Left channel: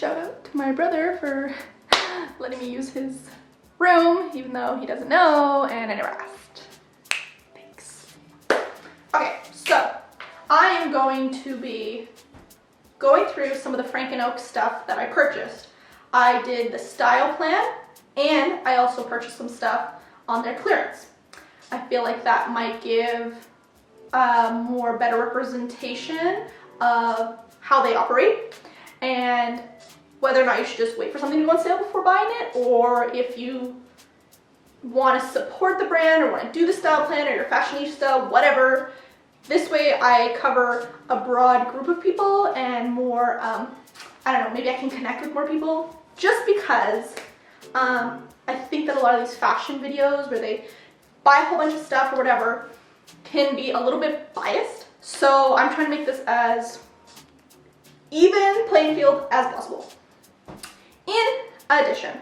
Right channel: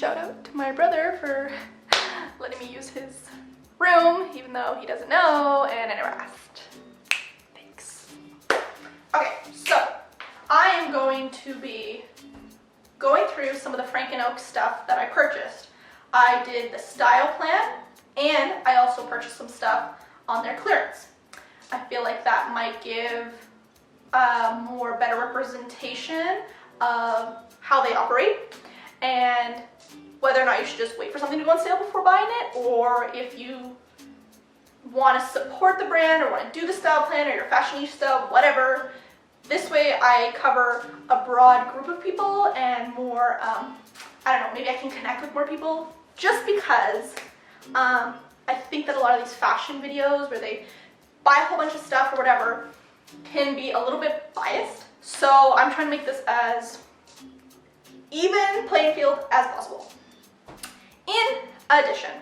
Shout out to my brother for letting me use his room, even though he doesn't know, and I never asked. Thanks. Okay, so I am going to be going through some of the Frank & Oak stuff that I purchased. I did the style plan, and I also purchased some stuff on their clearance. I feel like that might give more better representation of how they operate and whether or not you should just wait for something to go on sale before buying it, or if you want to support the brand or want to do the style plan or your fashionista, whatever. This way I cover a broad group of people and more, I don't know, maybe I can connect with more people, just because I think that a lot of these fashion videos where they buy a whole bunch of stuff or whatever can be a little bit biased. So I'm trying to make this as even playing field as possible. In addition,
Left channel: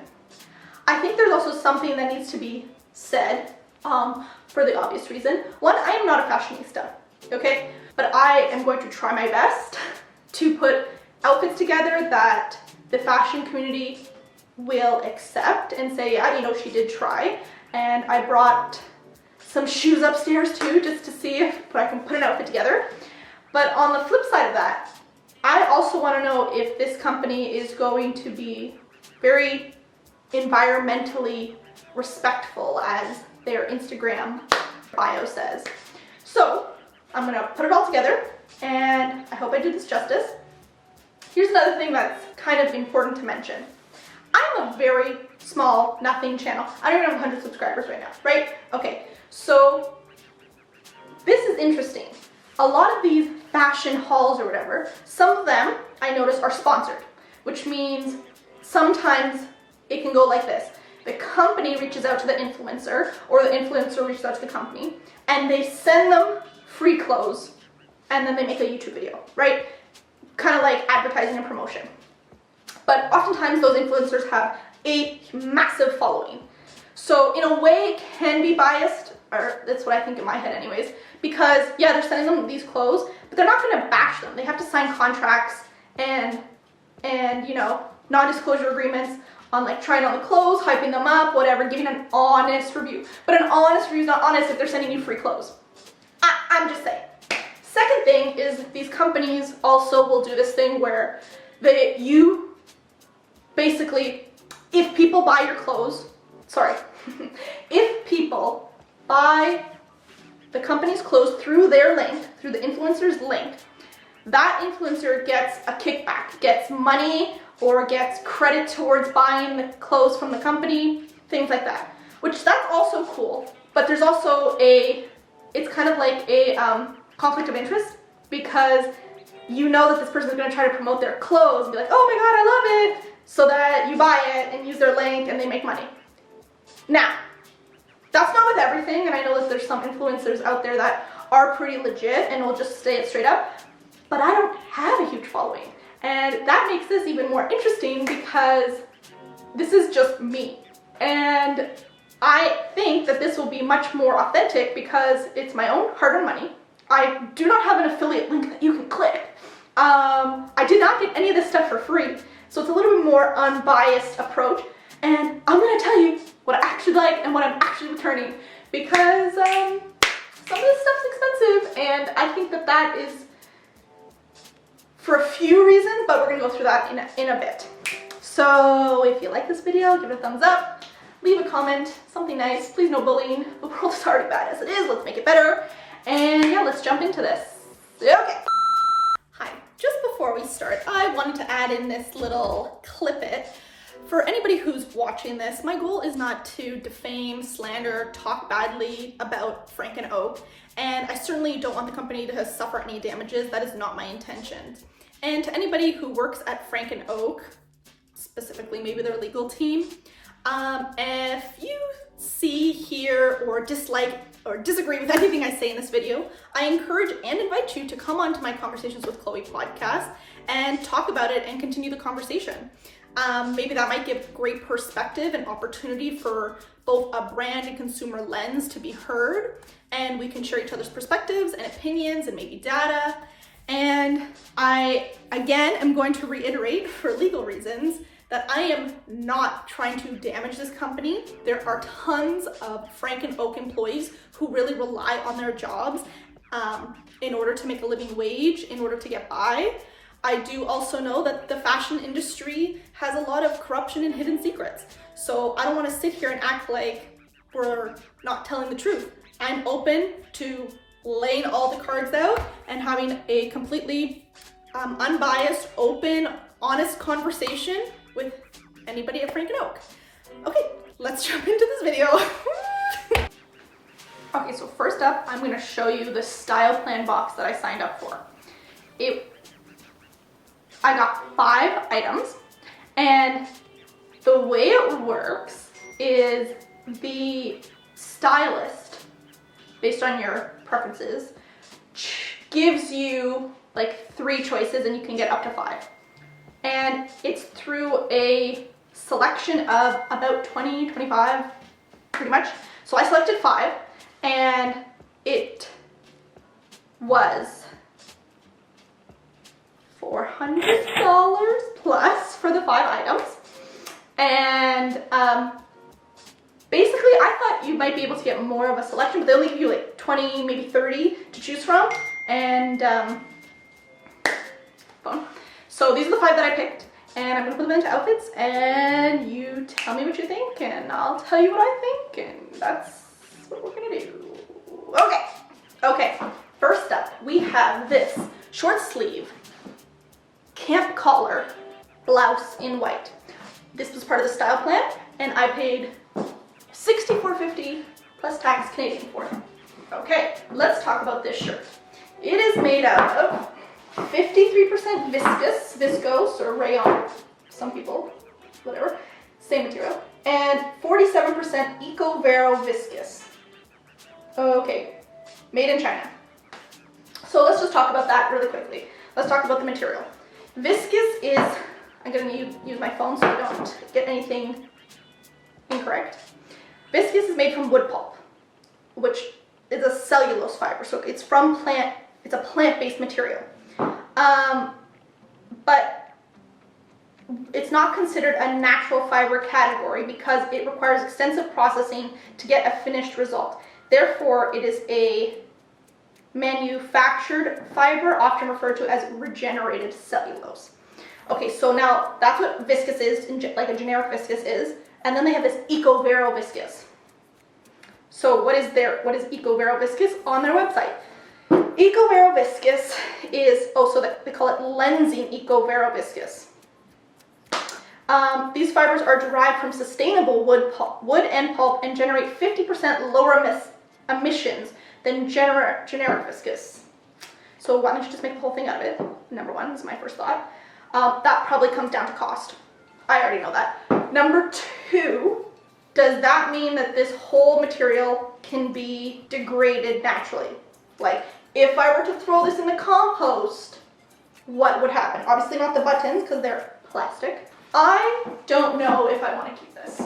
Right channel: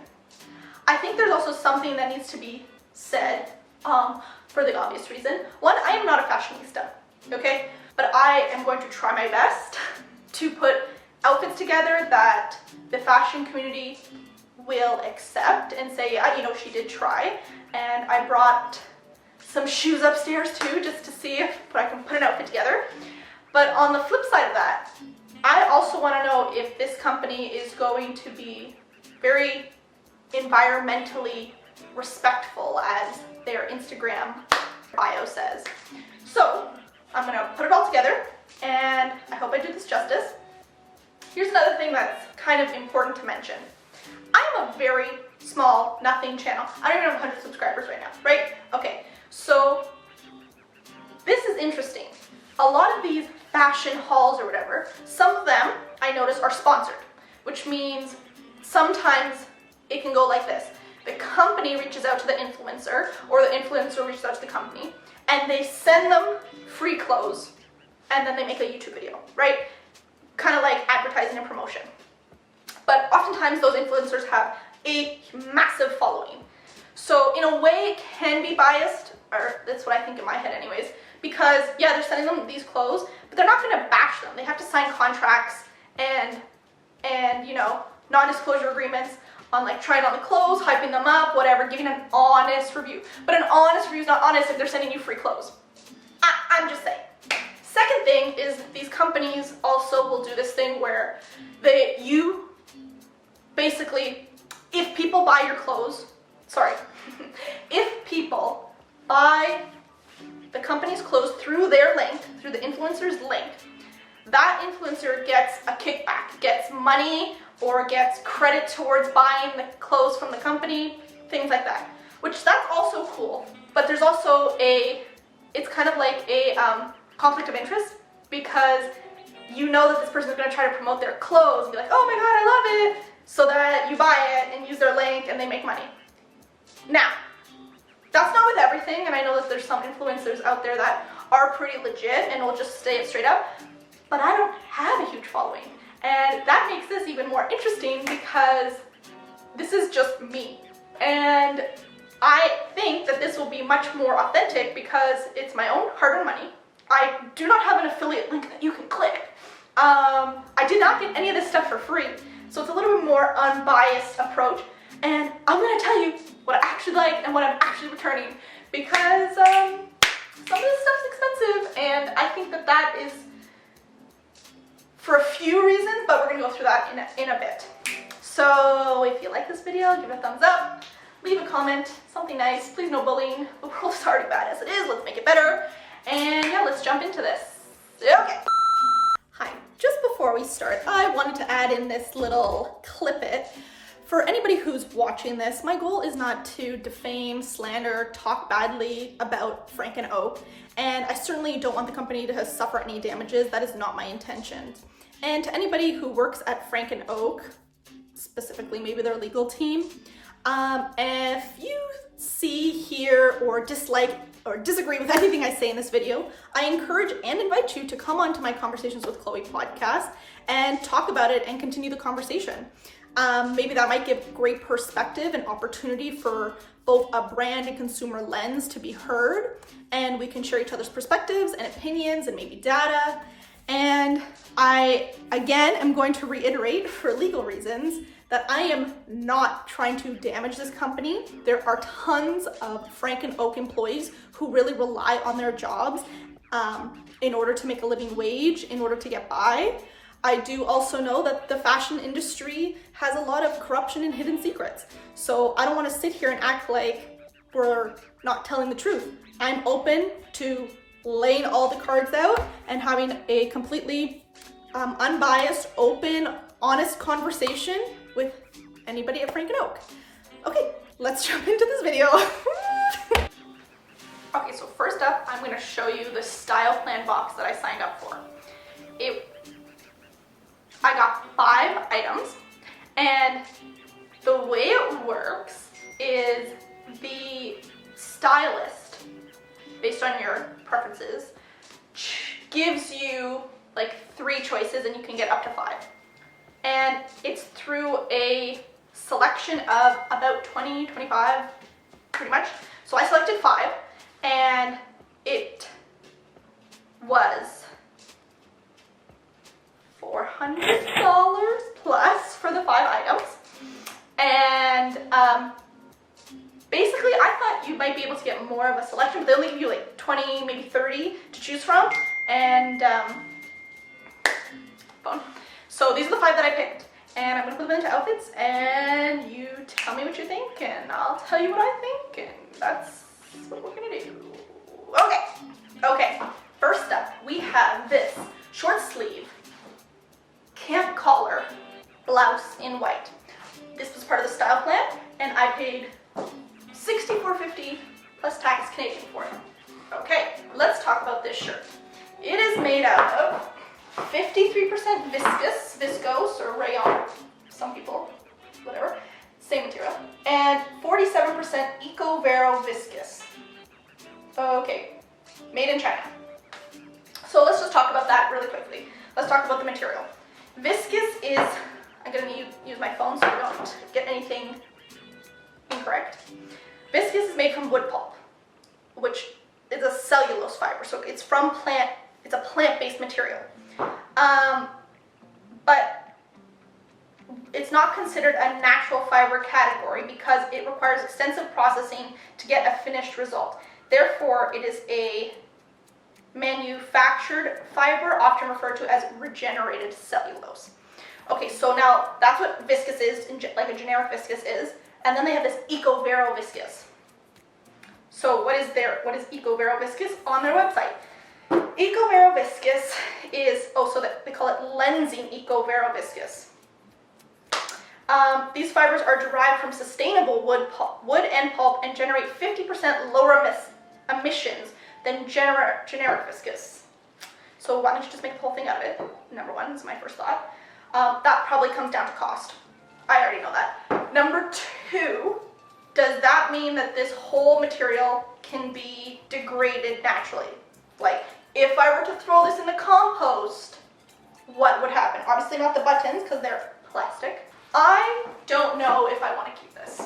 I think there's also something that needs to be said for the obvious reason. One, I am not a fashionista, okay? But I am going to try my best to put outfits together that the fashion community will accept and say, yeah, you know, she did try. And I brought some shoes upstairs too, just to see if I can put an outfit together. But on the flip side of that, I also want to know if this company is going to be very environmentally respectful, as their Instagram bio says. So I'm gonna put it all together, and I hope I do this justice. Here's another thing that's kind of important to mention. I'm a very small, nothing channel. I don't even have 100 subscribers right now, right? Okay, so this is interesting. A lot of these fashion hauls or whatever, some of them I notice are sponsored, which means sometimes it can go like this. The company reaches out to the influencer, or the influencer reaches out to the company, and they send them free clothes, and then they make a YouTube video, right? Kind of like advertising and promotion. But oftentimes those influencers have a massive following. So in a way it can be biased, or that's what I think in my head anyways, because yeah, they're sending them these clothes, but they're not gonna bash them. They have to sign contracts and you know, non-disclosure agreements on like trying on the clothes, hyping them up, whatever, giving an honest review. But an honest review is not honest if they're sending you free clothes. I'm just saying. Second thing is these companies also will do this thing where you basically, if people buy your clothes, if people buy the company's clothes through their link, through the influencer's link, that influencer gets a kickback, gets money, or gets credit towards buying the clothes from the company, things like that. Which that's also cool, but there's also it's kind of like a conflict of interest, because you know that this person is going to try to promote their clothes and be like, oh my god, I love it, so that you buy it and use their link and they make money. Now, that's not with everything, and I know that there's some influencers out there that are pretty legit and will just say it straight up, but I don't have a huge following. And that makes this even more interesting because this is just me. And I think that this will be much more authentic because it's my own hard-earned money. I do not have an affiliate link that you can click. I did not get any of this stuff for free, so it's a little bit more unbiased approach. And I'm gonna tell you what I actually like and what I'm actually returning, because some of this stuff's expensive, and I think that that is for a few reasons, but we're gonna go through that in a bit. So if you like this video, give it a thumbs up, leave a comment, something nice, please no bullying. The world is already bad as it is, let's make it better. And yeah, let's jump into this. Okay. Hi, just before we start, I wanted to add in this little clip-it. For anybody who's watching this, my goal is not to defame, slander, talk badly about Frank & Oak, and I certainly don't want the company to suffer any damages. That is not my intention. And to anybody who works at Frank & Oak, specifically maybe their legal team, if you see, hear, or dislike or disagree with anything I say in this video, I encourage and invite you to come on to my Conversations with Chloe podcast and talk about it and continue the conversation. Maybe that might give great perspective and opportunity for both a brand and consumer lens to be heard, and we can share each other's perspectives and opinions and maybe data. And I, again, am going to reiterate for legal reasons that I am not trying to damage this company. There are tons of Frank and Oak employees who really rely on their jobs in order to make a living wage, in order to get by. I do also know that the fashion industry has a lot of corruption and hidden secrets. So I don't want to sit here and act like we're not telling the truth. I'm open to laying all the cards out and having a completely unbiased, open, honest conversation with anybody at Frank and Oak. Okay, let's jump into this video. Okay, so first up, I'm gonna show you the style plan box that I signed up for. I got 5 items, and the way it works is the stylist, based on your preferences, gives you like 3 choices and you can get up to 5. And it's through a selection of about 20, 25, pretty much. So I selected 5, and it was $400 plus for the 5 items. And basically I thought you might be able to get more of a selection, but they only give you like 20, maybe 30 to choose from. And so these are the 5 that I picked, and I'm gonna put them into outfits, and you tell me what you think, and I'll tell you what I think, and that's what we're gonna do. Okay, first up, we have this short sleeve camp collar blouse in white. This was part of the style plan, and I paid $64.50 plus tax Canadian for it. Okay, let's talk about this shirt. It is made out of 53% viscose or rayon, some people, whatever, same material, and 47% Eco-Vero viscose. Okay, made in China. So let's just talk about that really quickly. Let's talk about the material. Viscose is, I'm gonna use my phone so I don't get anything incorrect. Viscose is made from wood pulp, which is a cellulose fiber, so it's from plant, it's a plant-based material. But it's not considered a natural fiber category because it requires extensive processing to get a finished result. Therefore, it is a manufactured fiber, often referred to as regenerated cellulose. Okay, so now that's what viscose is, like a generic viscose is, and then they have this Eco-Vero viscose. So what is Eco-Vero viscose on their website? Eco-Vero viscose is, so that they call it lensing Eco-Vero viscose. These fibers are derived from sustainable wood and pulp and generate 50% lower emissions than generic viscose. So why don't you just make the whole thing out of it? Number 1 is my first thought. That probably comes down to cost. I already know that. Number 2, does that mean that this whole material can be degraded naturally? Like, if I were to throw this in the compost, what would happen? Obviously not the buttons because they're plastic. I don't know if I want to keep this.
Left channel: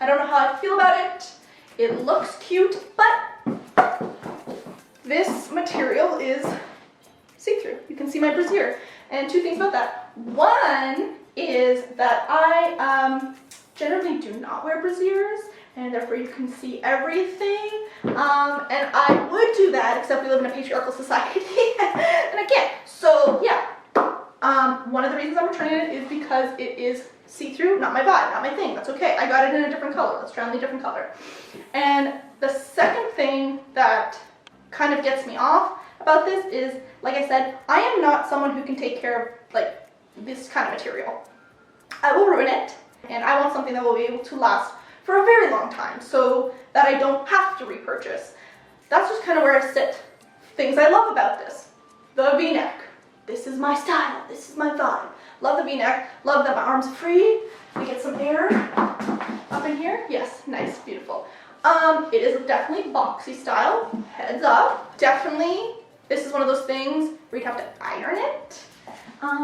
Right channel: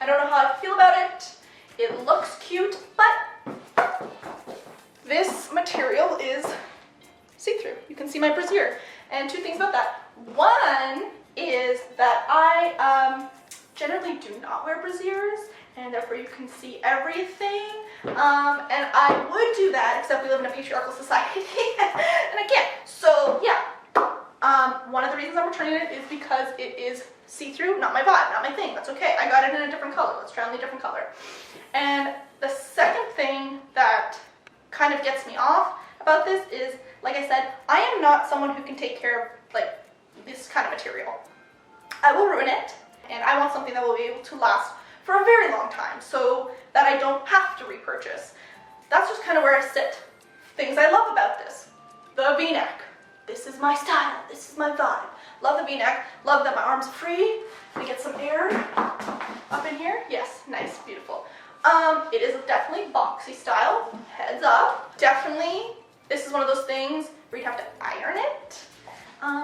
I don't know how I feel about it. It looks cute, but this material is see-through. You can see my brassiere. And 2 things about that. One is that I generally do not wear brassieres, and therefore you can see everything. And I would do that, except we live in a patriarchal society, and I can't. So yeah, one of the reasons I'm returning it is because it is see-through, not my vibe, not my thing. That's okay. I got it in a different color. Let's try on the different color. And the second thing that kind of gets me off about this is, like I said, I am not someone who can take care of like this kind of material. I will ruin it, and I want something that will be able to last for a very long time so that I don't have to repurchase. That's just kind of where I sit. Things I love about this. The V-neck. This is my style. This is my vibe. Love the V-neck. Love that my arms are free. I get some air up in here. Yes, nice, beautiful. It is definitely boxy style. Heads up. Definitely, this is one of those things where you'd have to iron it. And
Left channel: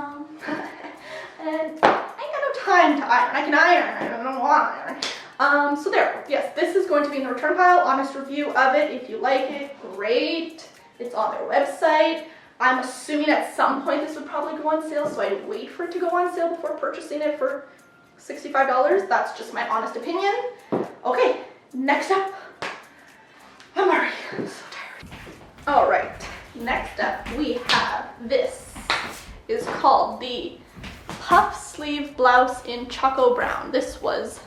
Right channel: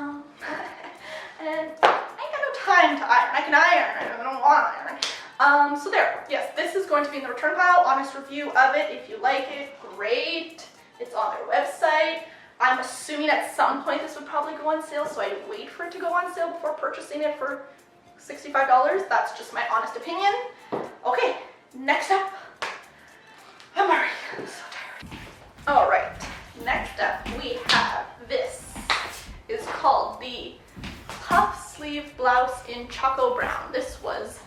I ain't got no time to iron. I can iron. I don't want to iron. So there. Yes, this is going to be in the return pile. Honest review of it. If you like it, great. It's on their website. I'm assuming at some point this would probably go on sale, so I'd wait for it to go on sale before purchasing it for $65. That's just my honest opinion. Okay, next up, I'm already so tired. All right, next up we have this. Is called the puff sleeve blouse in Choco Brown. This was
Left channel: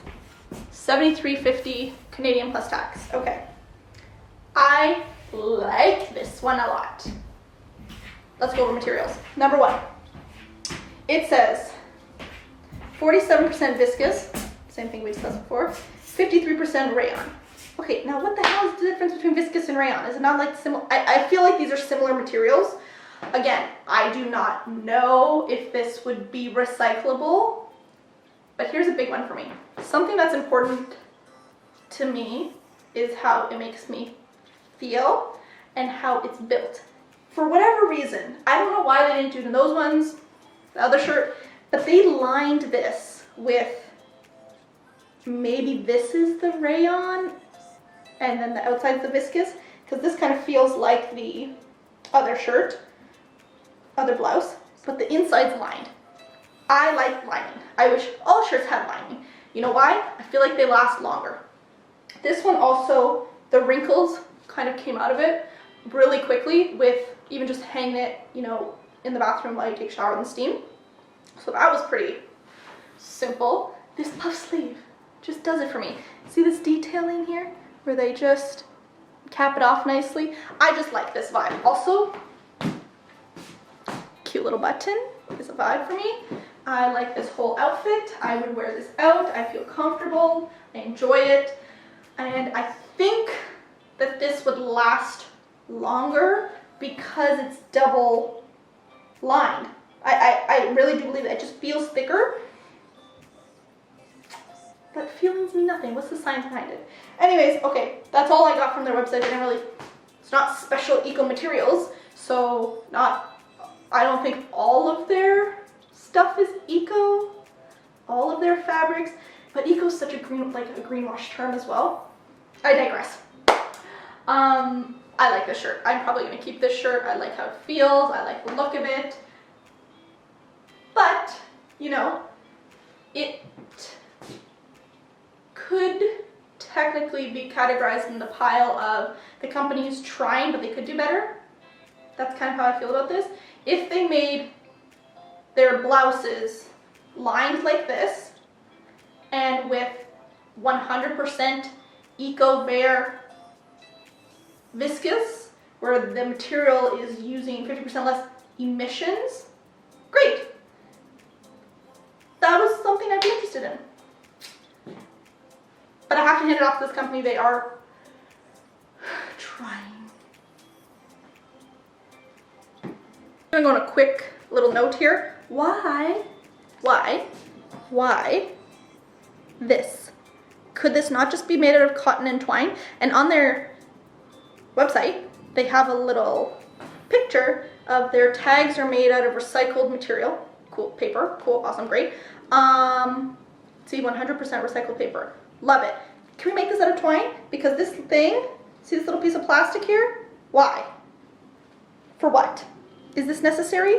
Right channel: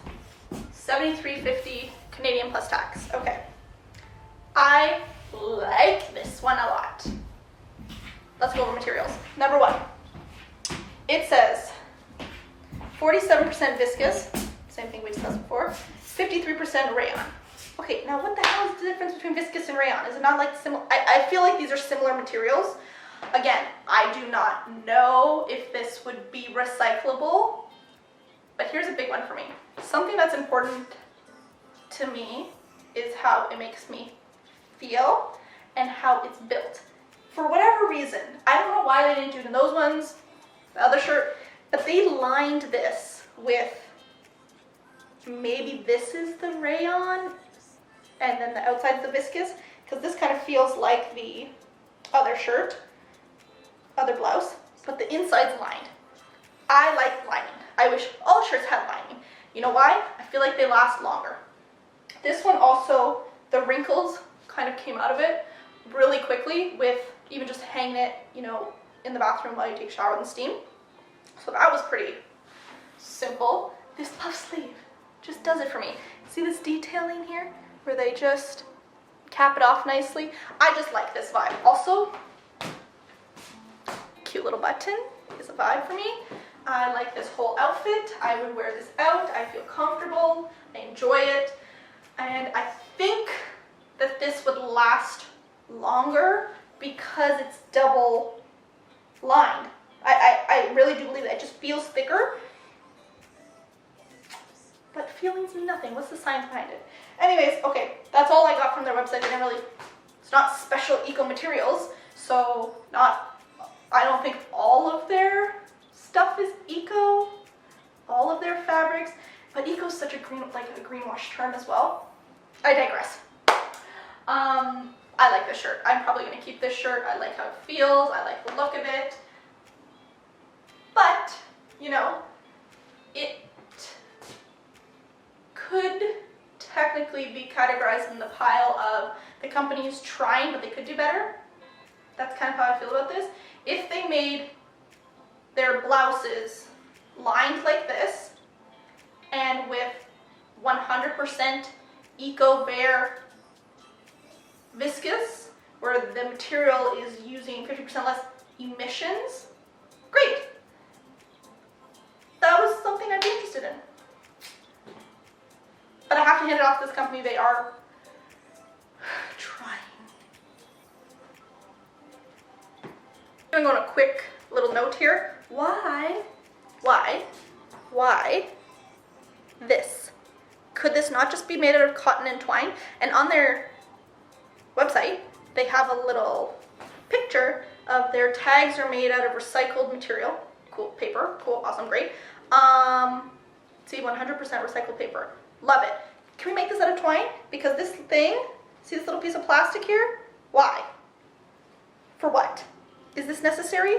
$73.50 Canadian plus tax. Okay, I like this one a lot. Let's go over materials. Number one, it says 47% viscose, same thing we discussed before, 53% rayon. Okay, now what the hell is the difference between viscose and rayon? Is it not like similar? I feel like these are similar materials. Again, I do not know if this would be recyclable, but here's a big one for me. Something that's important to me is how it makes me feel and how it's built. For whatever reason, I don't know why they didn't do it in those ones, the other shirt, but they lined this with, maybe this is the rayon and then the outside's the viscose, because this kind of feels like the other shirt, other blouse, but the inside's lined. I like lining. I wish all shirts had lining. You know why? I feel like they last longer. This one also, the wrinkles kind of came out of it really quickly with even just hanging it, you know, in the bathroom while you take a shower and steam. So that was pretty simple. This puff sleeve just does it for me. See this detailing here where they just cap it off nicely? I just like this vibe. Also, cute little button is a vibe for me. I like this whole outfit. I would wear this out. I feel comfortable. I enjoy it. And I think that this would last longer because it's double lined. I really do believe that. It just feels thicker. But feelings mean nothing. What's the science behind it? Anyways, okay, that's all I got from their website. They didn't really, it's not special eco materials, so I don't think all of their stuff is eco, all of their fabrics, but eco is such a greenwash term as well. I digress. I like this shirt. I'm probably gonna keep this shirt. I like how it feels. I like the look of it. But, you know, it could technically be categorized in the pile of the company is trying, but they could do better. That's kind of how I feel about this. If they made their blouses lined like this and with 100% eco-bare viscose, where the material is using 50% less emissions, great. That was something I'd be interested in. But I have to hand it off to this company. They are trying. I'm going to go on a quick little note here. Why this? Could this not just be made out of cotton and twine? And on their website, they have a little picture of their tags are made out of recycled material. Cool, paper, cool, awesome, great. See, 100% recycled paper. Love it. Can we make this out of twine? Because this thing, see this little piece of plastic here? Why? For what? Is this necessary?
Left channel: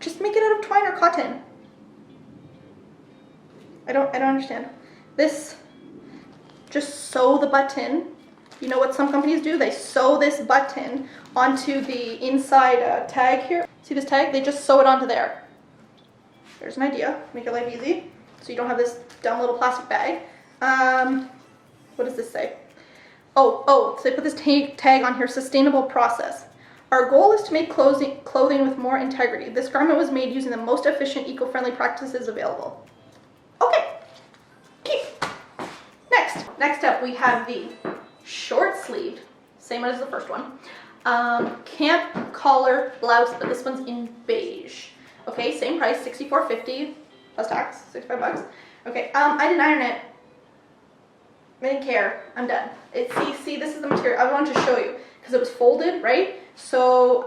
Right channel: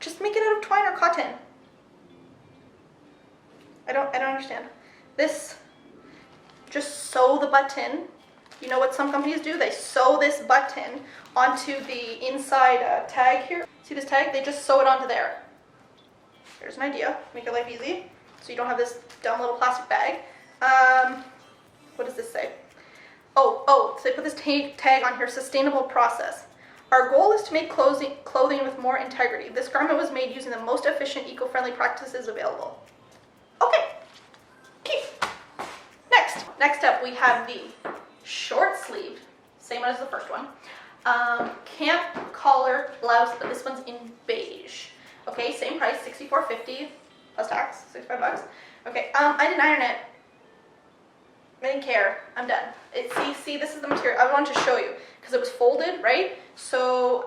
Just make it out of twine or cotton. I don't understand. This, just sew the button. You know what some companies do? They sew this button onto the inside tag here. See this tag? They just sew it onto there. There's an idea. Make your life easy. So you don't have this dumb little plastic bag. What does this say? Oh, so they put this tag on here, sustainable process. Our goal is to make clothing with more integrity. This garment was made using the most efficient eco-friendly practices available. Okay, keep. Next up we have the short sleeved, same as the first one, camp collar blouse, but this one's in beige. Okay, same price, $64.50 plus tax, $65. Okay, I didn't iron it. I didn't care. I'm done. See, this is the material. I wanted to show you because it was folded, right? So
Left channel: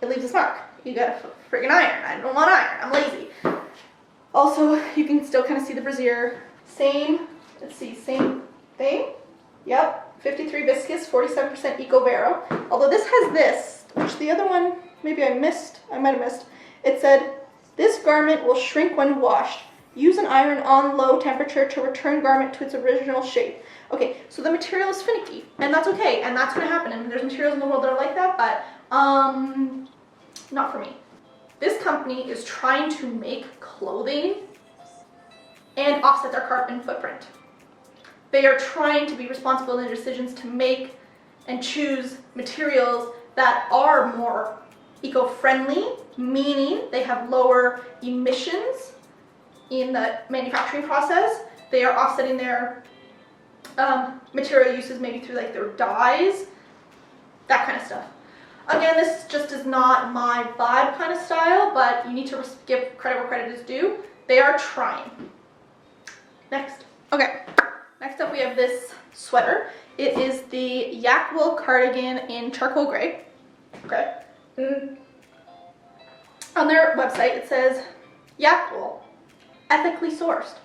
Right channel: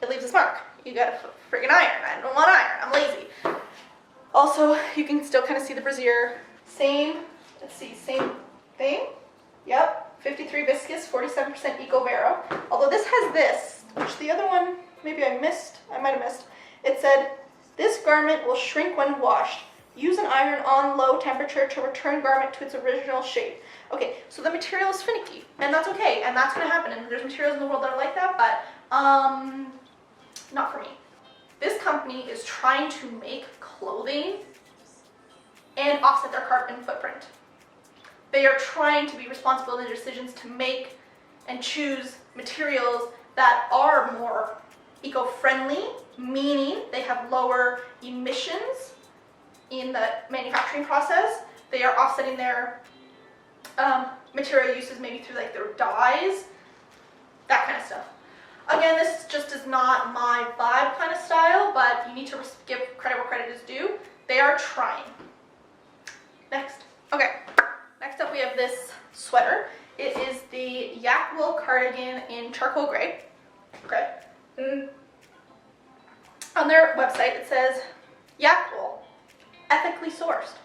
it leaves this mark. You gotta friggin' iron. I don't want iron. I'm lazy. Also, you can still kind of see the brassiere. Same. Let's see. Same thing. Yep. 53 viscose, 47% eco vero. Although this has this which the other one, maybe I might have missed. It said, this garment will shrink when washed. Use an iron on low temperature to return garment to its original shape. Okay, so the material is finicky, and that's okay, and that's gonna happen, and there's materials in the world that are like that, but not for me. This company is trying to make clothing and offset their carbon footprint. They are trying to be responsible in their decisions to make and choose materials that are more eco-friendly, meaning they have lower emissions in the manufacturing process. They are offsetting their material uses maybe through like their dyes, that kind of stuff. Again, this just is not my vibe kind of style, but you need to give credit where credit is due. They are trying. Next. Okay, next up we have this sweater. It is the yak wool cardigan in charcoal gray. Okay. On their website it says yak wool, ethically sourced.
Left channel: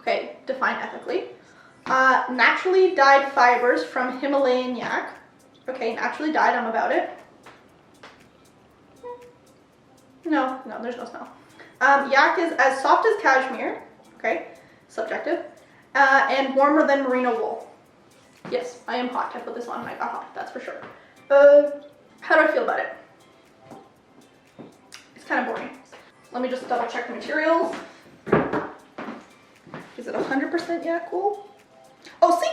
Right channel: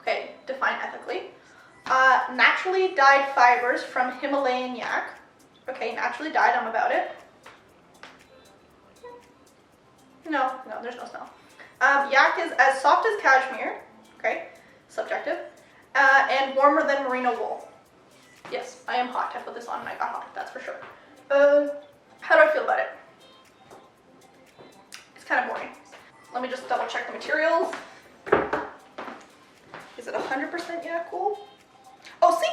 Okay, define ethically. Naturally dyed fibers from Himalayan yak. Okay, naturally dyed, I'm about it. No, there's no smell. Yak is as soft as cashmere. Okay, subjective. And warmer than merino wool. Yes, I am hot. I put this on and I got hot, that's for sure. How do I feel about it? It's kind of boring. Let me just double check the materials. Is it 100% yak wool? Oh, see,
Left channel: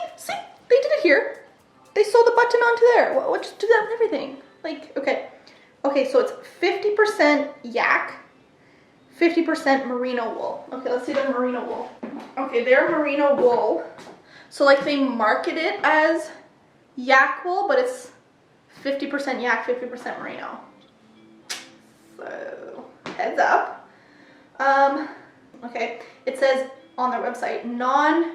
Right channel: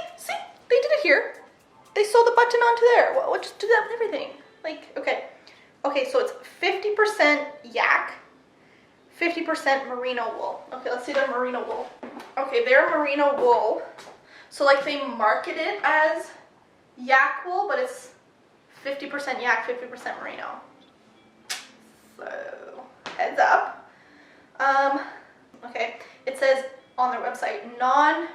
they did it here. They sewed the button onto there. What, just do that with everything. Like, okay, so it's 50% yak, 50% merino wool. Okay, let's see their merino wool. Okay, their merino wool. So like they market it as yak wool, but it's 50% yak, 50% merino. So, heads up. Okay, it says on their website, non-molest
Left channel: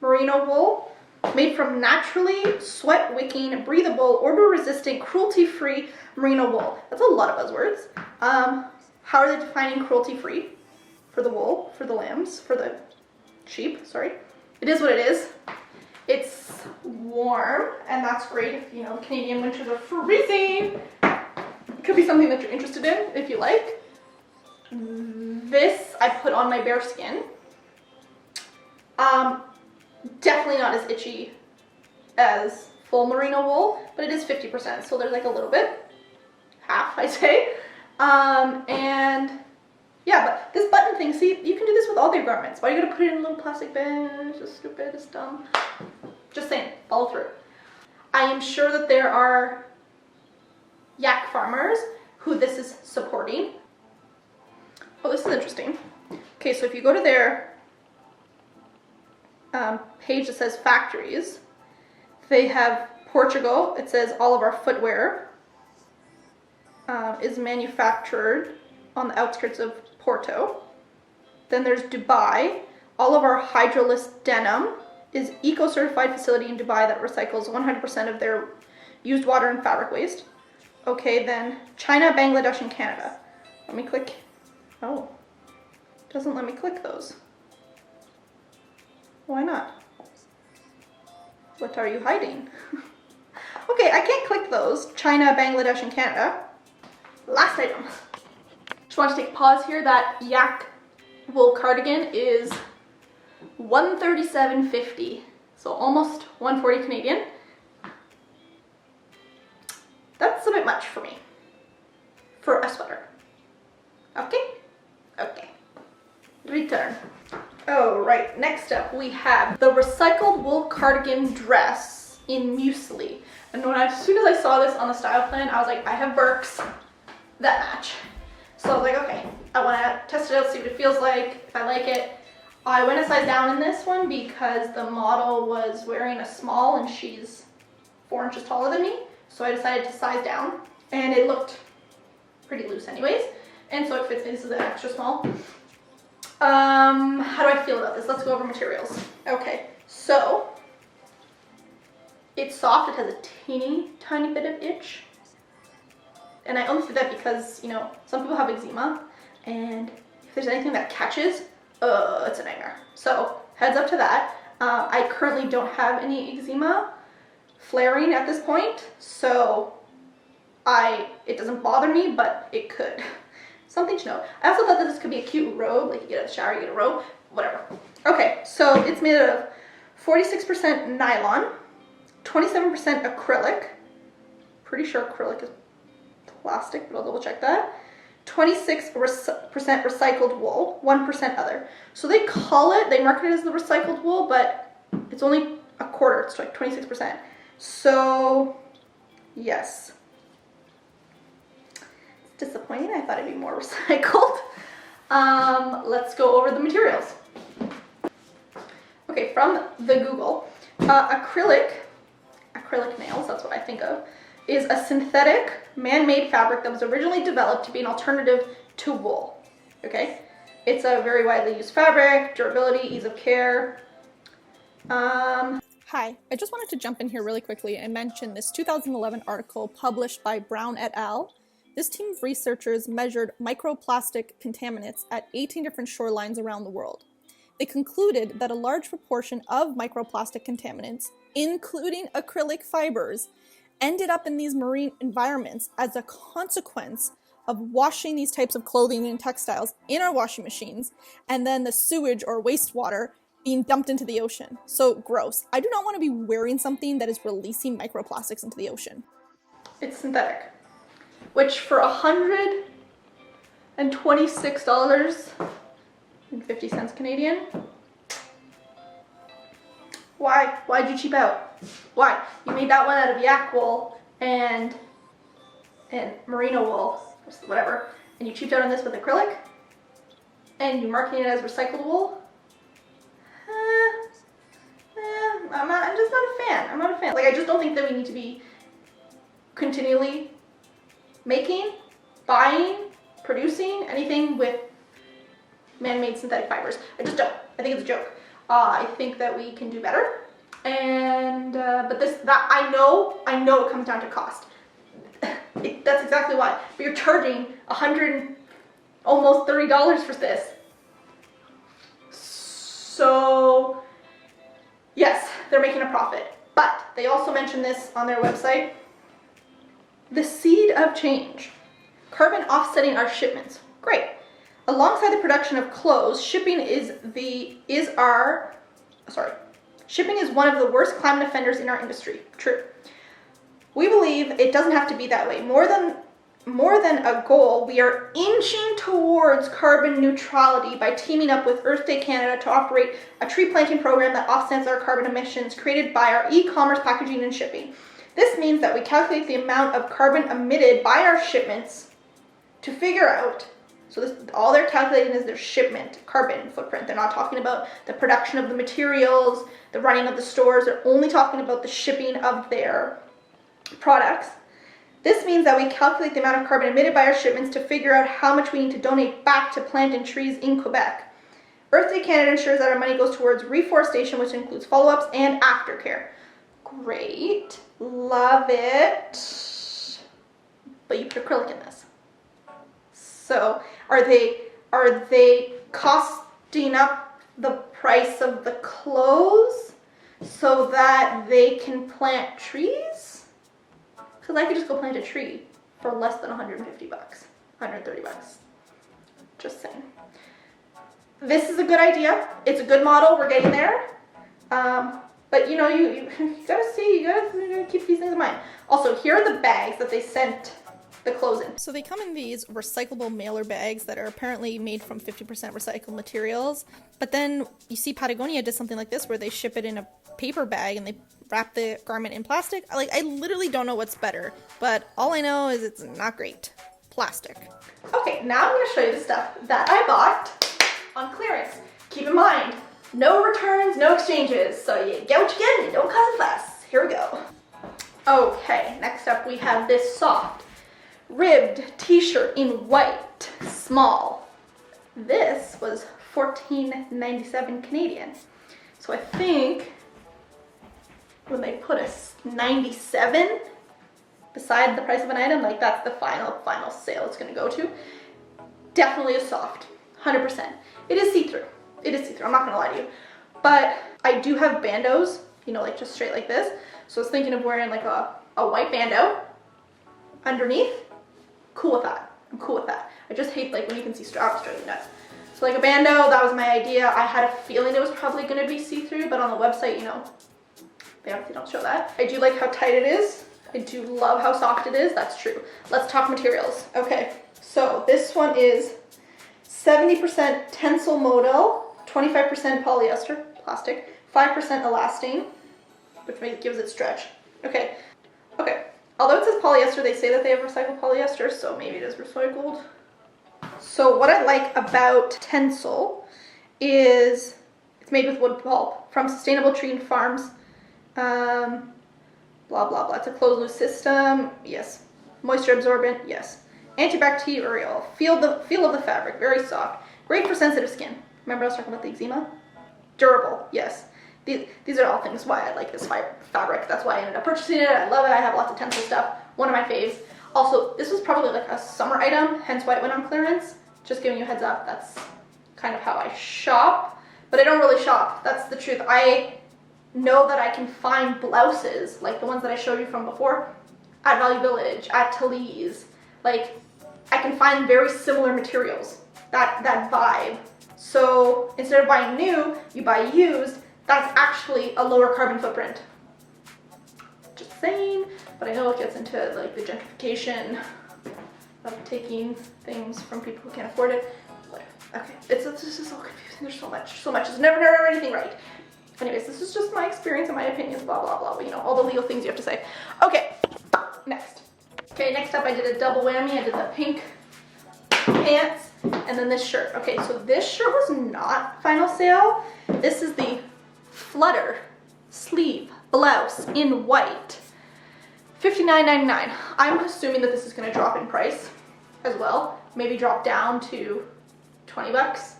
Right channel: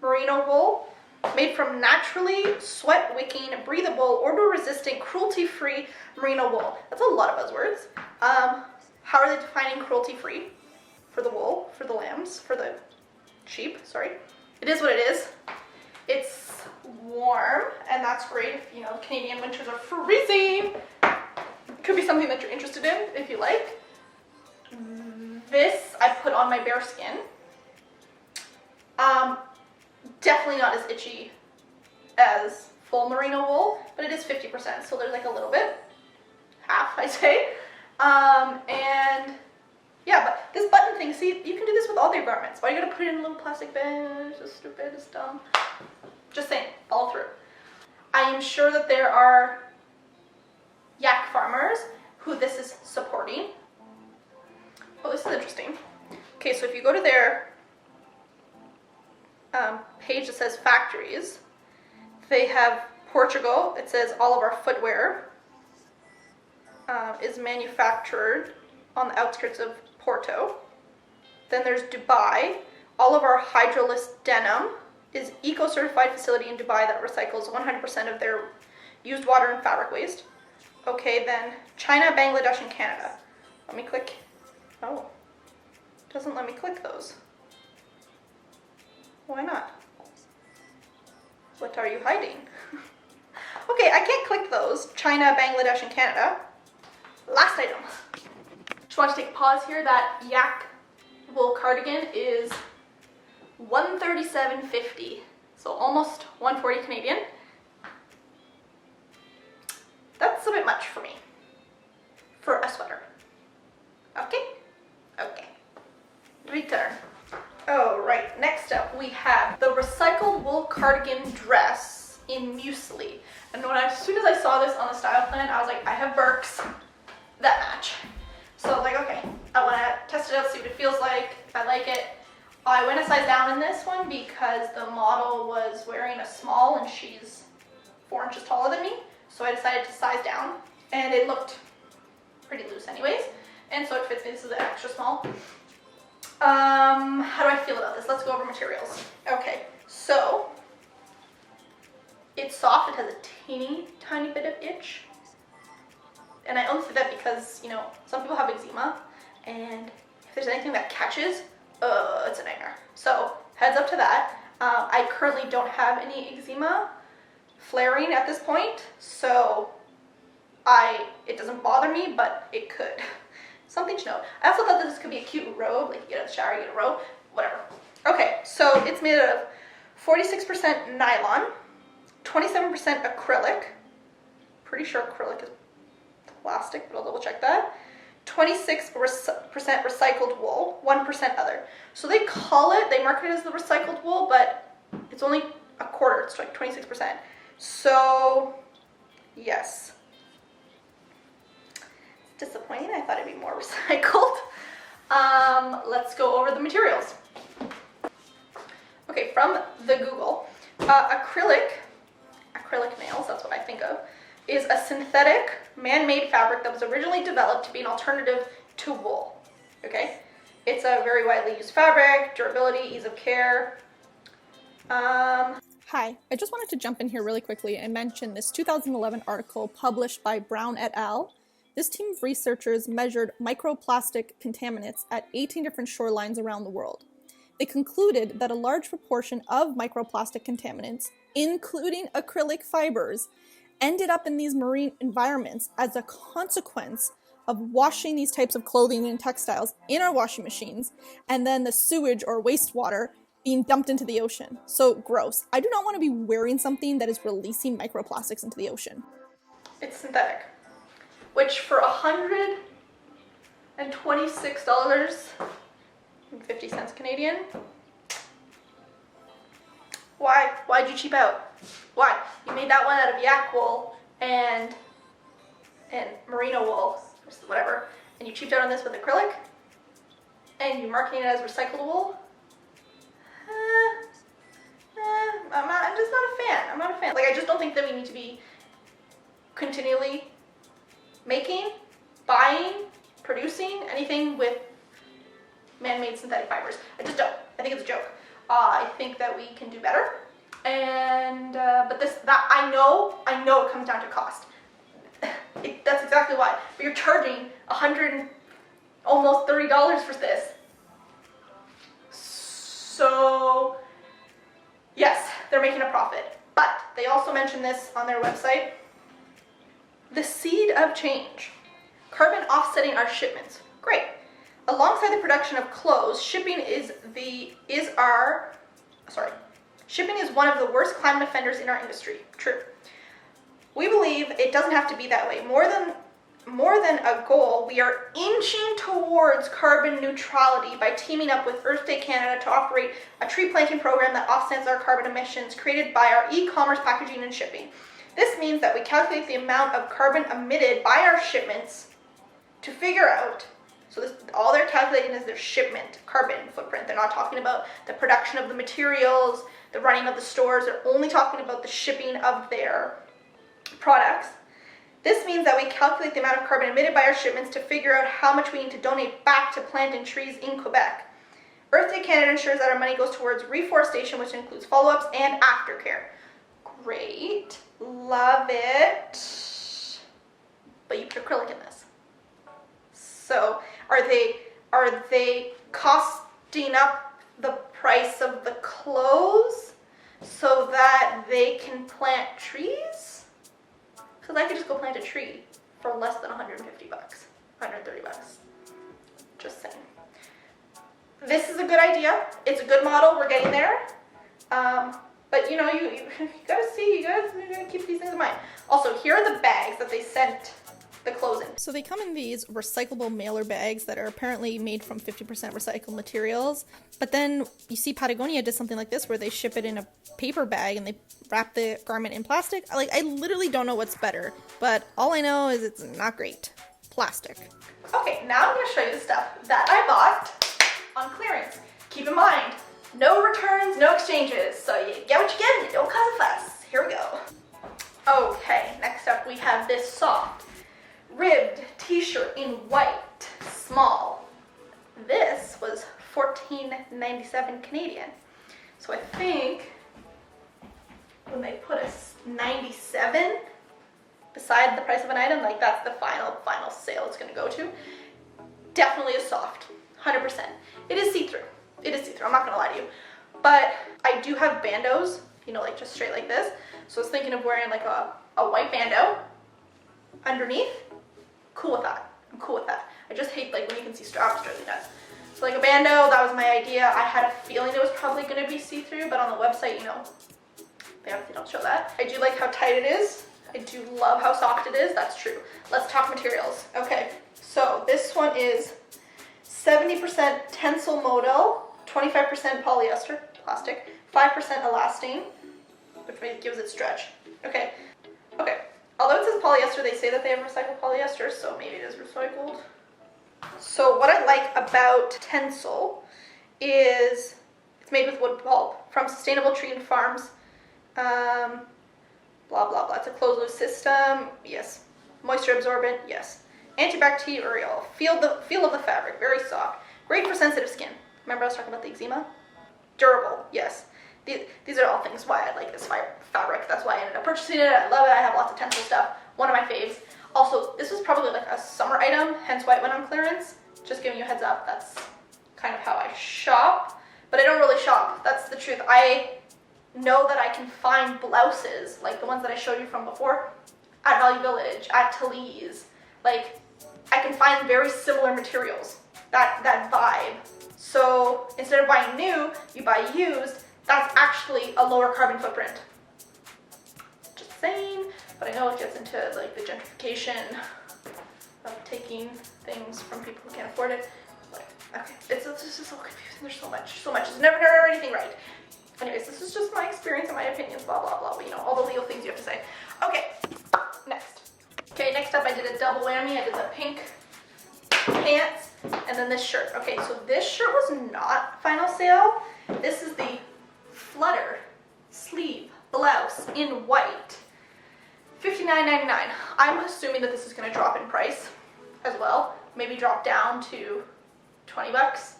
merino wool made from naturally sweat-wicking, breathable, odor-resistant, cruelty-free merino wool. That's a lot of buzzwords. How are they defining cruelty-free? For the wool, for the lambs, for the sheep, sorry. It is what it is. It's warm, and that's great if, you know, Canadian winters are freezing. It could be something that you're interested in, if you like. This I put on my bare skin. Definitely not as itchy as full merino wool, but it is 50%, so there's like a little bit, half I'd say. And yeah, but this button thing, see, you can do this with all their garments. Why you gotta put it in a little plastic bag? It's just stupid, it's dumb. Just saying, follow through. I am sure that there are yak farmers who this is supporting. Oh, this is interesting. Okay, so if you go to their page that says factories, they have Portugal. It says all of our footwear is manufactured on the outskirts of Porto. Then there's Dubai. All of our hydroless denim is eco-certified facility in Dubai that recycles 100% of their used water and fabric waste. Okay, then China, Bangladesh, and Canada. Let me click. Oh, doesn't let me click those. Why not? What are you hiding? Okay, I can't click those. China, Bangladesh, and Canada. Last item. Just want to take a pause here. That yak wool cardigan is $137.50, so almost $140 Canadian. That's a bit much for me, for a sweater. Okay? Okay. Return. Oh, right. Next up, we have the recycled wool cardigan dress in muesli. And as soon as I saw this on the style plan, I was like, I have Birks that match. So I was like, okay, I want to test it out, see what it feels like, if I like it. I went a size down in this one because the model was wearing a small and she's 4 inches taller than me. So I decided to size down, and it looked pretty loose anyways. And so it fits me. This is an extra small. How do I feel about this? Let's go over materials. Okay, so it's soft. It has a teeny tiny bit of itch. And I only say that because, you know, some people have eczema, and if there's anything that catches, it's a nightmare. So heads up to that. I currently don't have any eczema, flaring at this point, so it doesn't bother me, but it could. Something to note. I also thought that this could be a cute robe, like you get out of the shower, you get a robe, whatever. Okay, so it's made of 46% nylon, 27% acrylic. Pretty sure acrylic is plastic, but I'll double check that. 26% recycled wool, 1% other. So they market it as the recycled wool, but it's only a quarter, it's like 26%. So, yes. It's disappointing, I thought it'd be more recycled. Let's go over the materials. Okay, from the Google, acrylic nails, that's what I think of, is a synthetic, man-made fabric that was originally developed to be an alternative to wool, okay? It's a very widely used fabric, durability, ease of care. Hi, I just wanted to jump in here really quickly and mention this 2011 article published by Brown et al. This team of researchers measured microplastic contaminants at 18 different shorelines around the world. They concluded that a large proportion of microplastic contaminants, including acrylic fibers, ended up in these marine environments as a consequence of washing these types of clothing and textiles in our washing machines, and then the sewage or wastewater being dumped into the ocean. So gross. I do not want to be wearing something that is releasing microplastics into the ocean. It's synthetic, which for $126.50 Canadian. Why? Why'd you cheap out? Why? You made that one out of yak wool and merino wool, whatever, and you cheaped out on this with acrylic, and you're marketing it as recycled wool. I'm just not a fan. I'm not a fan. Like, I just don't think that we need to be continually making, buying, producing anything with man-made synthetic fibers. I just don't. I think it's a joke. I think that we can do better. And but I know it comes down to cost. That's exactly why. But you're charging almost $30 for this. So yes, they're making a profit. But they also mention this on their website. The seed of change. Carbon offsetting our shipments. Great. Alongside the production of clothes, shipping is one of the worst climate offenders in our industry. True. We believe it doesn't have to be that way. More than a goal, we are inching towards carbon neutrality by teaming up with Earth Day Canada to operate a tree planting program that offsets our carbon emissions created by our e-commerce packaging and shipping. This means that we calculate the amount of carbon emitted by our shipments to figure out. So all they're calculating is their shipment carbon footprint. They're not talking about the production of the materials, the running of the stores. They're only talking about the shipping of their products. This means that we calculate the amount of carbon emitted by our shipments to figure out how much we need to donate back to planting trees in Quebec. Earth Day Canada ensures that our money goes towards reforestation, which includes follow-ups and aftercare. Great. Love it. But you put acrylic in this. So are they costing up the price of the clothes so that they can plant trees? Because I could just go plant a tree for less than $150, $130. Just saying. This is a good idea. It's a good model. We're getting there. But you gotta see, you gotta keep these things in mind. Also, here are the bags that they sent the clothes in. So they come in these recyclable mailer bags that are apparently made from 50% recycled materials. But then you see Patagonia did something like this where they ship it in a paper bag and they wrap the garment in plastic. I literally don't know what's better, but all I know is it's not great. Plastic. Okay, now I'm gonna show you the stuff that I bought on clearance. Keep in mind, no returns, no exchanges. So you get what you get and you don't cause a fuss. Here we go. Okay, next up we have this soft ribbed t-shirt in white, small. This was $14.97 Canadian. So I think when they put a 97 beside the price of an item, like that's the final sale it's gonna go to. Definitely is soft, 100%. It is see-through. It is see-through, I'm not gonna lie to you. But I do have bandos you know, like just straight like this. So I was thinking of wearing like a white bandeau underneath. Cool with that. I'm cool with that. I just hate like when you can see straps, drives me nuts. So like a bandeau, that was my idea. I had a feeling it was probably gonna be see-through, but on the website, you know, they obviously don't show that. I do like how tight it is. I do love how soft it is, that's true. Let's talk materials. Okay, so this one is 70% tensile modal, 25% polyester, plastic, 5% elastane, which gives it stretch. Okay. Although it says polyester, they say that they have recycled polyester, so maybe it is recycled. So what I like about Tensile is it's made with wood pulp from sustainable tree and farms. Blah, blah, blah. It's a closed loop system. Yes. Moisture absorbent. Yes. Antibacterial. Feel of the fabric. Very soft. Great for sensitive skin. Remember I was talking about the eczema? Durable. Yes. These are all things why I like this fabric. That's why I ended up purchasing it. I love it. I have lots of Tensile stuff. One of my faves. Also, this was probably like a summer item, hence why it went on clearance. Just giving you a heads up. That's kind of how I shop. But I don't really shop. That's the truth. I know that I can find blouses, like the ones that I showed you from before, at Value Village, at Talese. Like, I can find very similar materials. That vibe. So, instead of buying new, you buy used. That's actually a lower carbon footprint. Just saying, but I know it gets into like the gentrification of taking things from people who can't afford it. Whatever. Okay, this is so confusing. There's so much. It's never anything right. Anyways, this is just my experience and my opinions, blah, blah, blah. You know, all the legal things you have to say. Okay, next. Okay, next up I did a double whammy. I did the pink pants and then this shirt. Okay, so this shirt was not final sale. This is the flutter sleeve blouse in white, $59.99. I'm assuming that this is going to drop in price as well, maybe drop down to 20 bucks.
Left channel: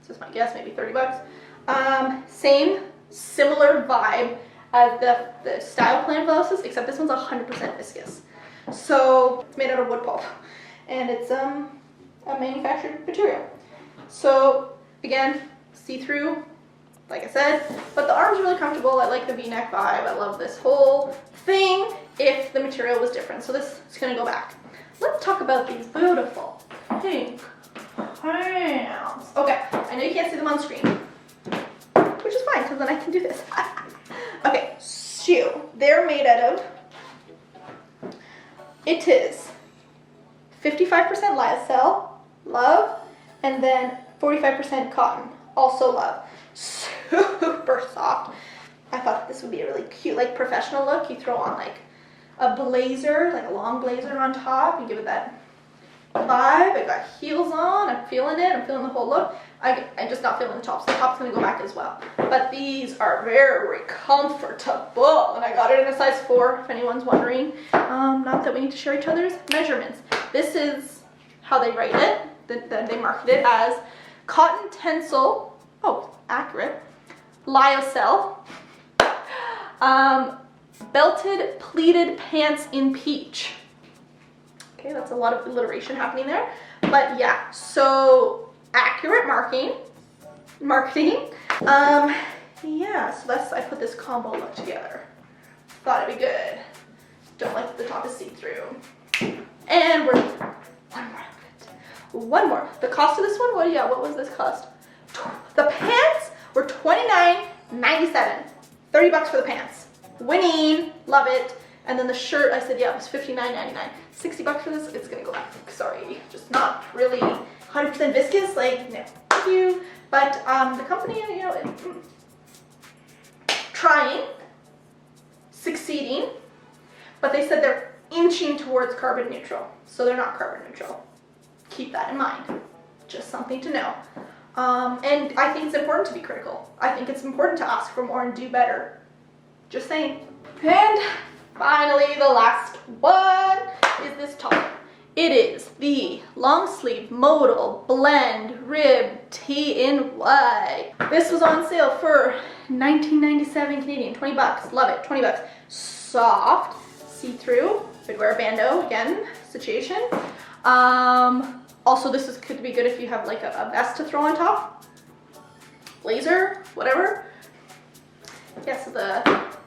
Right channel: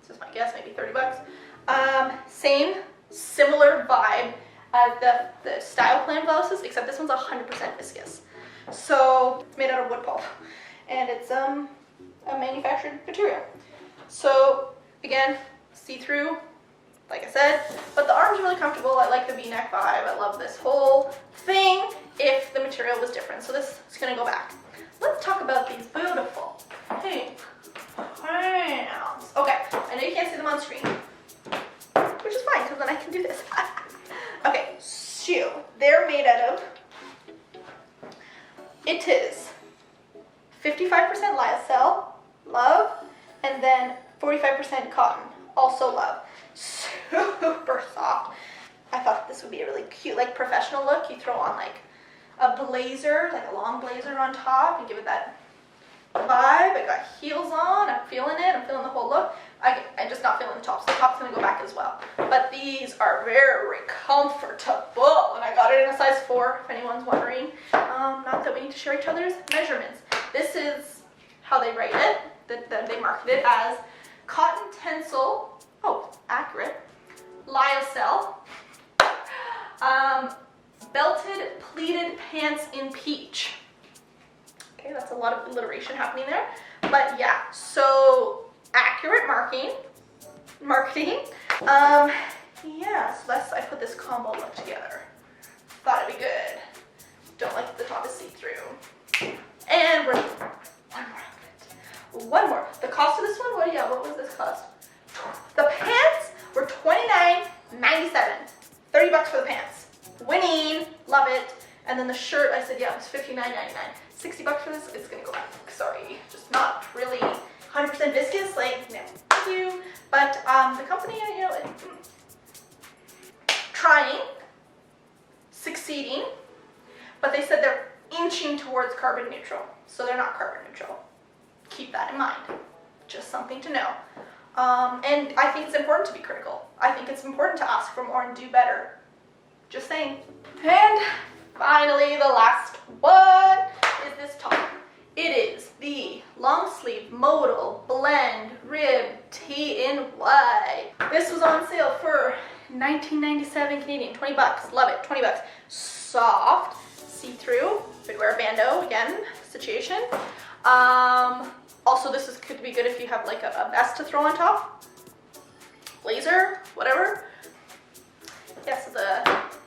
This is my guess, maybe 30 bucks. Similar vibe as the Style Plan blouses, except this one's 100% viscous. So it's made out of wood pulp and it's a manufactured material. So again, see-through, like I said, but the arm's really comfortable. I like the V-neck vibe. I love this whole thing if the material was different. So this is gonna go back. Let's talk about these beautiful pink pants. Okay, I know you can't see them on screen, which is fine because then I can do this. Okay, shoe. They're made out of, it is 55% lyocell, love, and then 45% cotton, also love. Super soft. I thought this would be a really cute, like professional look. You throw on like a blazer, like a long blazer on top and give it that vibe. I got heels on. I'm feeling it. I'm feeling the whole look. I'm just not feeling the top, so the top's gonna go back as well. But these are very comfortable, and I got it in a size 4, if anyone's wondering. Not that we need to share each other's measurements. This is how they write it. They market it as cotton tensile. Oh, accurate. Lyocell. Belted pleated pants in peach. Okay, that's a lot of alliteration happening there. But yeah, so accurate marketing. Yeah, so I put this combo look together. Thought it'd be good. Don't like that the top is see-through. And we're one more outfit. One more. The cost of this one, what was this cost? The pants were $29.97. 30 bucks for the pants. Winning, love it. And then the shirt, I said, yeah, it was $59.99. 60 bucks for this, it's gonna go back. Sorry, just not really 100% viscous, like, no, thank you. But the company, you know, trying, succeeding, but they said they're inching towards carbon neutral. So they're not carbon neutral. Keep that in mind. Just something to know. And I think it's important to be critical. I think it's important to ask for more and do better. Just saying. And finally, the last one is this top. It is the long sleeve modal blend rib tee in white. This was on sale for $19.97 Canadian, 20 bucks. Love it, 20 bucks. Soft, see-through. Could wear a bandeau again, situation. Also, could be good if you have like a vest to throw on top. Blazer, whatever. Yeah, so the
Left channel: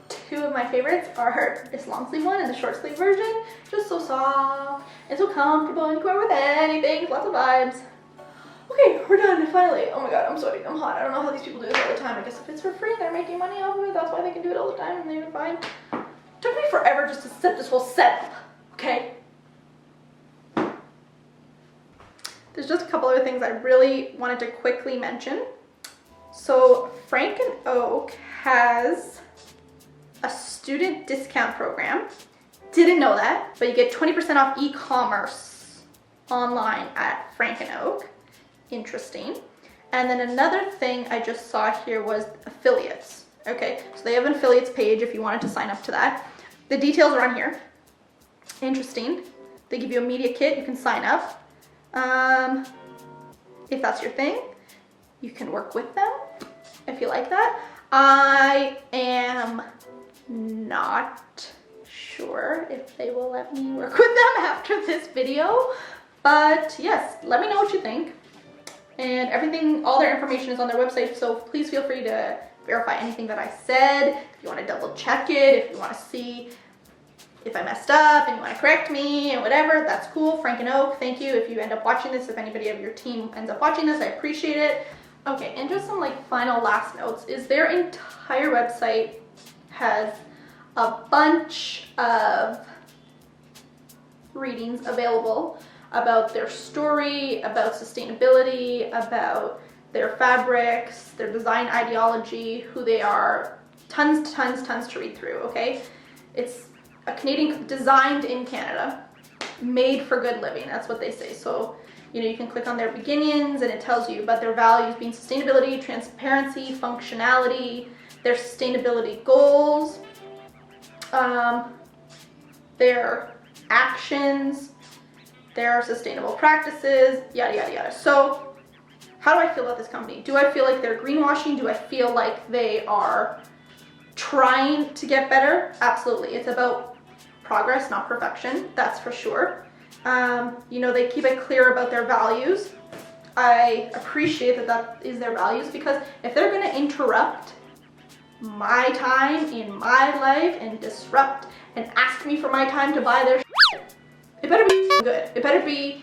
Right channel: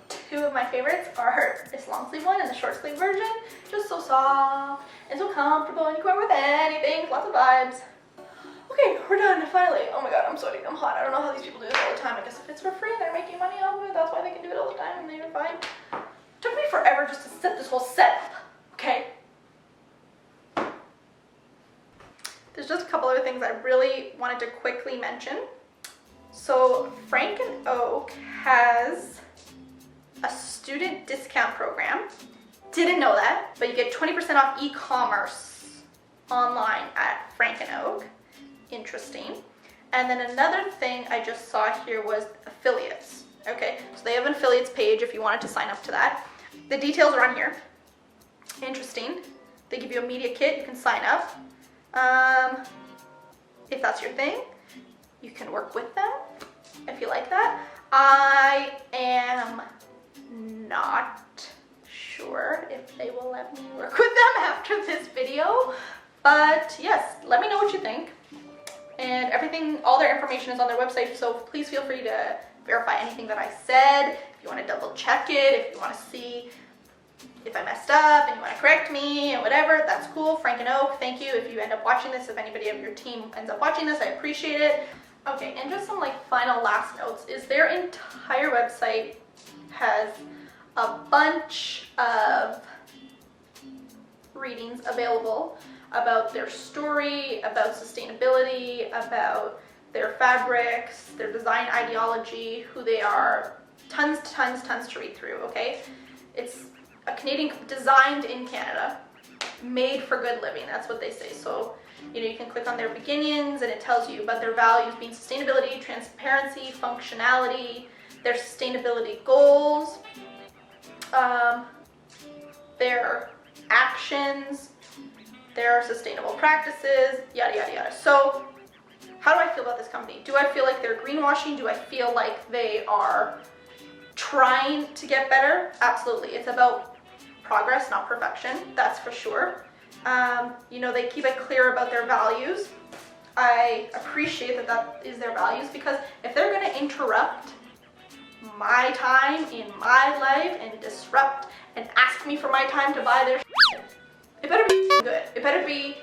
two of my favorites are this long sleeve one and the short sleeve version. Just so soft and so comfortable, and you can wear with anything, lots of vibes. Okay, we're done, finally. Oh my god, I'm sweating, I'm hot. I don't know how these people do this all the time. I guess if it's for free and they're making money off of it, that's why they can do it all the time and they're fine. Took me forever just to set this whole setup, okay? There's just a couple other things I really wanted to quickly mention. So Frank and Oak has a student discount program. Didn't know that, but you get 20% off e-commerce online at Frank and Oak. Interesting. And then another thing I just saw here was affiliates. Okay, so they have an affiliates page if you wanted to sign up to that. The details are on here. Interesting. They give you a media kit, you can sign up. If that's your thing, you can work with them if you like that. I am not sure if they will let me work with them after this video, but yes, let me know what you think. And everything, all their information is on their website, so please feel free to verify anything that I said. If you want to double check it, if you want to see if I messed up and you want to correct me and whatever, that's cool. Frank and Oak, thank you. If you end up watching this, if anybody of your team ends up watching this, I appreciate it. Okay, and just some like final last notes is their entire website has a bunch of readings available about their story, about sustainability, about their fabrics, their design ideology, who they are. Tons to read through, okay? It's a Canadian, designed in Canada, made for good living, that's what they say. So, you know, you can click on their beginnings and it tells you about their values being sustainability, transparency, functionality, their sustainability goals, their actions, their sustainable practices, yada, yada, yada. So how do I feel about this company? Do I feel like they're greenwashing? Do I feel like they are trying to get better? Absolutely. It's about progress, not perfection. That's for sure. You know, they keep it clear about their values. I appreciate that that is their values, because if they're going to interrupt my time in my life and disrupt and ask me for my time to buy their shit, it better be good. It better be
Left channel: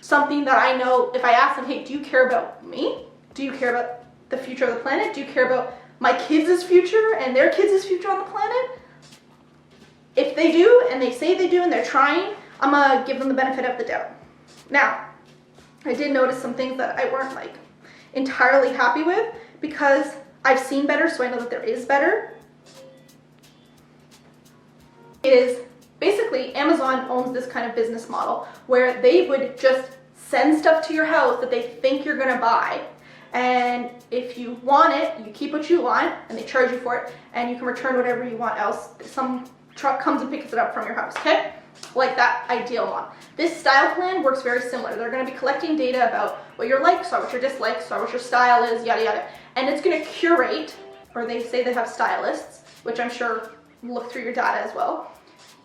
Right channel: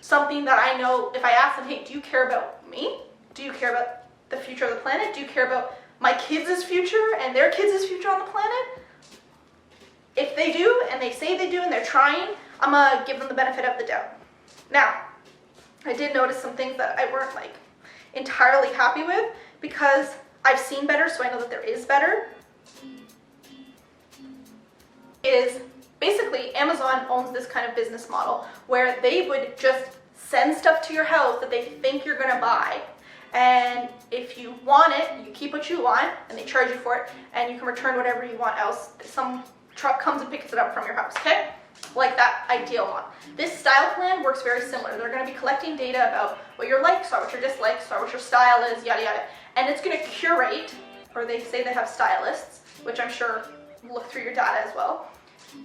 something that I know if I ask them, hey, do you care about me? Do you care about the future of the planet? Do you care about my kids' future and their kids' future on the planet? If they do, and they say they do, and they're trying, I'm gonna give them the benefit of the doubt. Now, I did notice some things that I weren't like entirely happy with, because I've seen better, so I know that there is better. Is basically Amazon owns this kind of business model where they would just send stuff to your house that they think you're gonna buy, and if you want it, you keep what you want, and they charge you for it, and you can return whatever you want else. Some truck comes and picks it up from your house, okay? Like that ideal model. This style plan works very similar. They're gonna be collecting data about what your likes are, what your dislikes are, what your style is, yada yada, and it's gonna curate, or they say they have stylists, which I'm sure look through your data as well,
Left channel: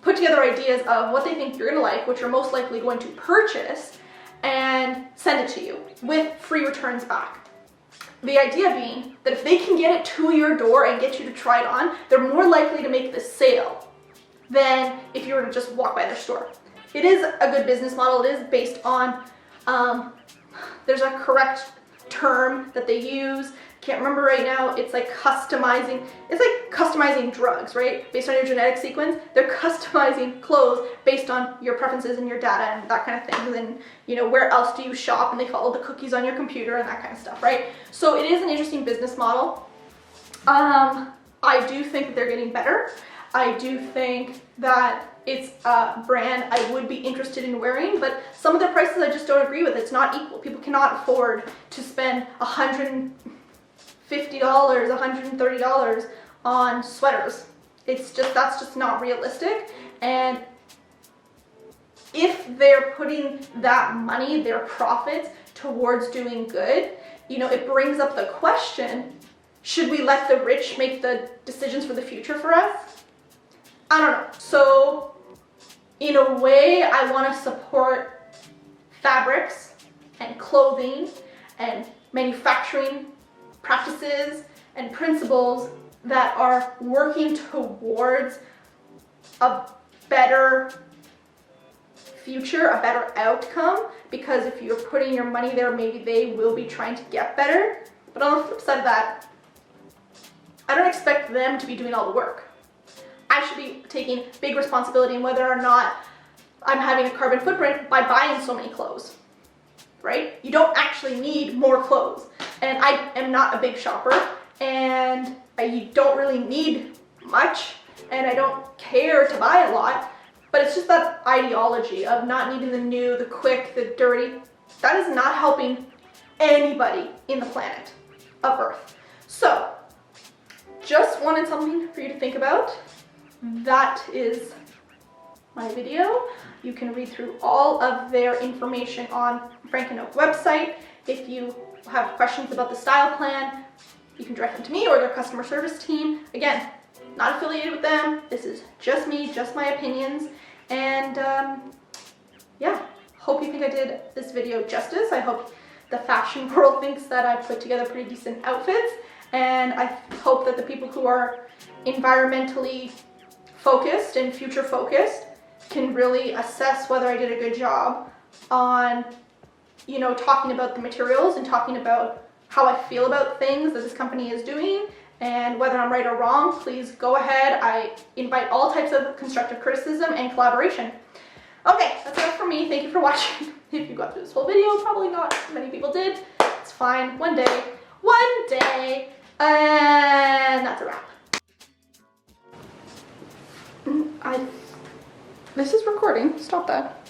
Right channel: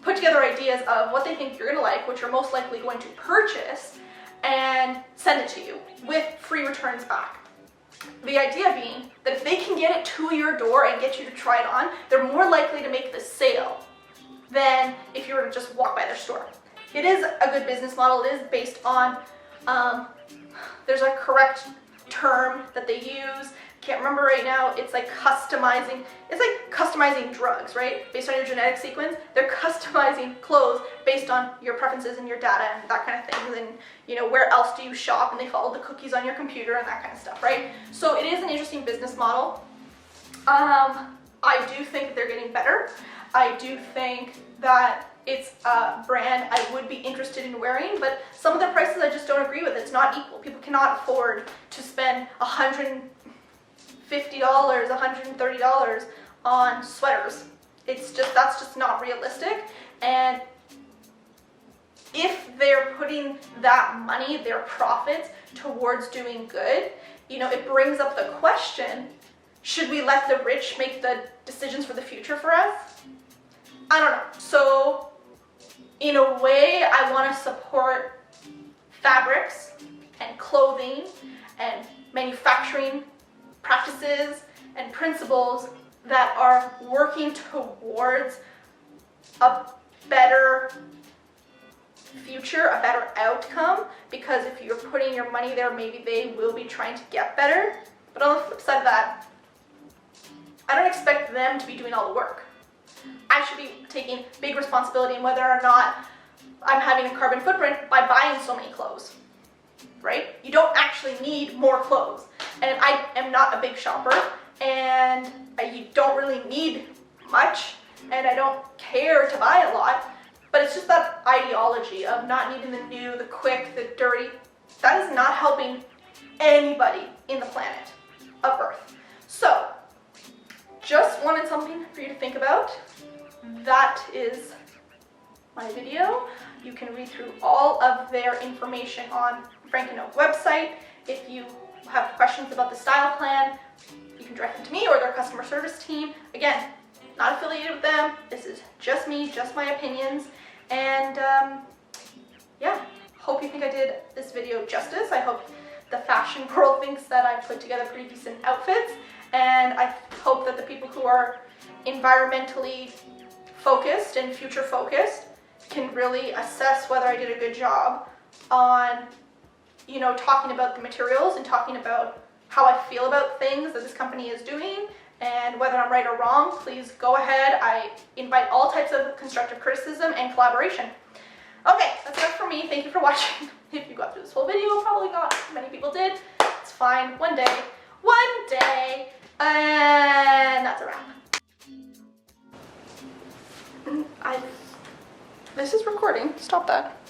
put together ideas of what they think you're gonna like, what you're most likely going to purchase, and send it to you with free returns back. The idea being that if they can get it to your door and get you to try it on, they're more likely to make the sale than if you were to just walk by their store. It is a good business model. It is based on, there's a correct term that they use. Can't remember right now. It's like customizing. It's like customizing drugs, right? Based on your genetic sequence, they're customizing clothes based on your preferences and your data and that kind of thing. And you know, where else do you shop? And they follow the cookies on your computer and that kind of stuff, right? So it is an interesting business model. I do think that they're getting better. I do think that it's a brand I would be interested in wearing, but some of their prices I just don't agree with. It's not equal. People cannot afford to spend $150, $130 on sweaters. It's just, that's just not realistic. And if they're putting that money, their profits, towards doing good, you know, it brings up the question, should we let the rich make the decisions for the future for us? I don't know. So in a way, I want to support fabrics and clothing and manufacturing practices and principles that are working towards a better future, a better outcome, because if you're putting your money there, maybe they will be trying to get better. But on the flip side of that, I don't expect them to be doing all the work. I should be taking big responsibility in whether or not I'm having a carbon footprint by buying so many clothes, right? You don't actually need more clothes. And I am not a big shopper, and you don't really need much, and I don't care to buy a lot, but it's just that ideology of not needing the new, the quick, the dirty. That is not helping anybody in the planet of Earth. So, just wanted something for you to think about. That is my video. You can read through all of their information on Frank & Oak website. If you have questions about the style plan, you can direct them to me or their customer service team. Again, not affiliated with them. This is just me, just my opinions. And yeah, hope you think I did this video justice. I hope the fashion world thinks that I put together pretty decent outfits. And I hope that the people who are environmentally focused and future focused can really assess whether I did a good job on, you know, talking about the materials and talking about how I feel about things that this company is doing, and whether I'm right or wrong. Please go ahead. I invite all types of constructive criticism and collaboration. Okay, that's it for me. Thank you for watching. If you got through this whole video, probably not many people did. It's fine. One day, and that's a wrap. This is recording. Stop that.